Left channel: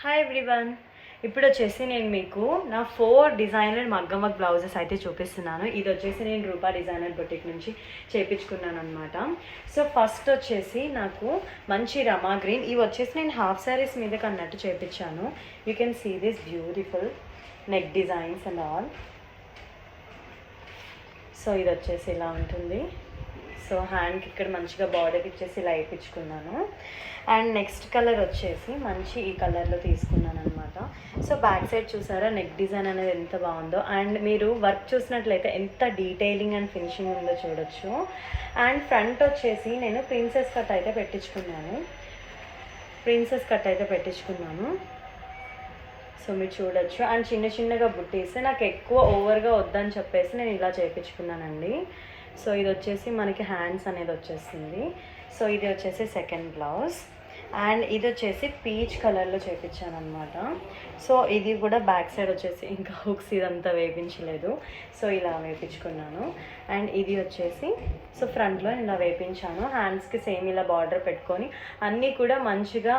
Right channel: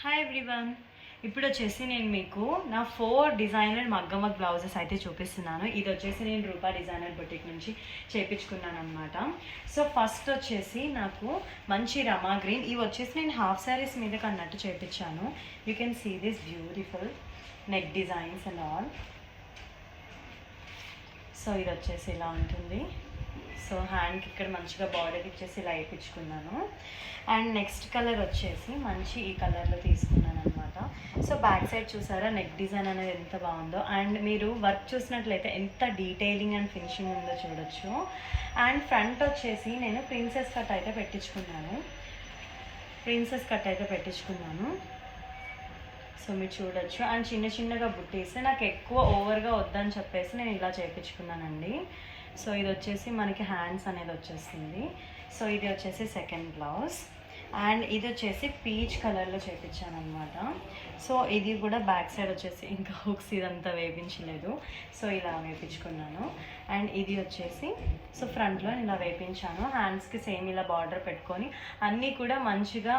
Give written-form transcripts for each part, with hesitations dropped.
Hi everyone. ఇప్పుడు వచ్చేసి నేను మీకు నా 4 డిజైనర్ మగ్గం వర్క్ బ్లౌజెస్ అయితే చూపిస్తున్నాను. ఇది వచ్చేసి నేను రూపా డిజైనర్ బొటిక్ నుంచి చేయించుకున్నాను అనమాట. సో ఫస్ట్ వచ్చేసి నాకు మంచి రమా గ్రీన్, ఇవి వచ్చేసి నేను హాఫ్ శారీస్ మీదకి అన్నట్టు చేయించాను. You can see this beautiful neck designs and all. So ఇది వచ్చేసి ఇలా ఉంటుంది. సో హ్యాండ్కి ఇక్కడ మంచిగా బార్డర్కి ఇచ్చేసి ఇలా వేయించుకున్నాను. అండ్ నెక్స్ట్ కలర్ వచ్చేసి మంచి ఈ కలర్లో తీసుకున్నాను అనమాట. సో బ్యాక్ సైడ్ చూసారా నెక్ డిజైన్ అనేది ఎంత బాగుందో, అండ్ మీరు వర్క్ చూసినట్లయితే ఎంత డీటెయిలింగ్ అండ్ ఫినిషింగ్ ఉందో చూడొచ్చు. అండ్ ఫ్రంట్ వచ్చేసి నేను ప్రిన్సెస్ కట్ అయితే పెట్టించుకున్నాను. సో మీరు చూడొచ్చు. అండ్ చిన్న చిన్నగా బుట్టీస్ నాకు ఎక్కువ ఓవర్గా వద్దని చెప్పేసి నేను ఇలా చేయించుకున్నానండి. సో ఇది వచ్చేసి మనకి హ్యాండ్స్ అనేది వచ్చేస్తుంది. సో ఇది వచ్చేసి సెకండ్ బ్లౌజ్, అండ్ ఇది వచ్చేసి పీచ్ కలర్లో చేయించాను అనమాట. సో ఇది కూడా బ్యాక్ సైడ్ వచ్చేసి ఇంకా హుక్స్ ఇదంతా వేయించలేదు, సో ఇలా వేయించుకున్నాను. అండ్ ఇది వచ్చేసి సో ఫ్రంట్లో ఇలా వేయించాను. హ్యాండ్స్కి సేమ్ ఇలా బార్డర్ పెట్టుకొని అన్నీ కూడా మంచిగా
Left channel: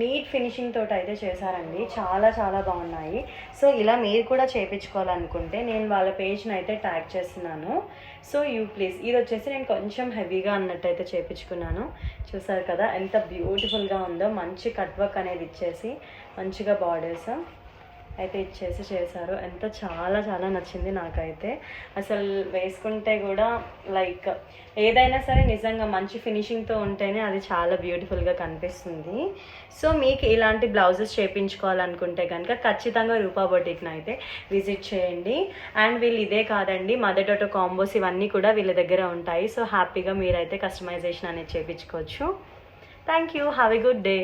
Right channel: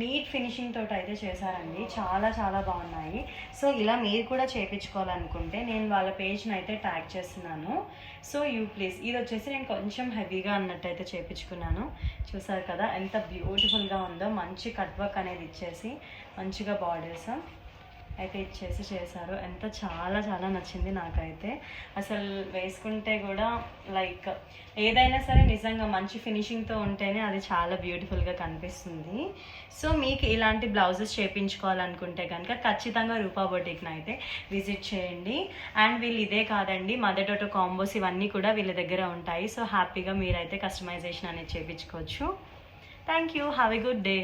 నీట్ ఫినిషింగ్ తోటి అయితే చేశారండి. చాలా చాలా బాగున్నాయి. సో ఇలా మీరు కూడా చేయించుకోవాలనుకుంటే నేను వాళ్ళ పేజ్ని అయితే ట్యాగ్ చేస్తున్నాను. So please. ఇది వచ్చేసి నేను కొంచెం హెవీగా అన్నట్టు అయితే చేయించుకున్నాను. చూసారు కదా ఎంత బ్యూటిఫుల్గా ఉందో. మంచి కట్ వర్క్ అనేది ఇచ్చేసి మంచిగా బార్డర్స్ అయితే ఇచ్చేసి చేశారు. ఎంత చాలా చాలా నచ్చింది నాకైతే. అసలు వేసుకుంటే కూడా లైక్ ఏదైనా సరే నిజంగా మంచి ఫినిషింగ్తో ఉంటేనే అది చాలా బ్యూటిఫుల్గా కనిపిస్తుంది. సో మీకు ఇలాంటి బ్లౌజెస్ చేయించుకోవాలనుకుంటే కనుక ఖచ్చితంగా రూపా బొటిక్ని అయితే విజిట్ చేయండి. అండ్ వీళ్ళు ఇదే కాదండి, మదర్ డాటర్ కాంబోస్ ఇవన్నీ కూడా వీళ్ళ దగ్గర ఉంటాయి. సో హ్యాపీగా మీరైతే కస్టమైజేషన్ అనేది చేయించుకోవచ్చు. Thank you. Have a good day.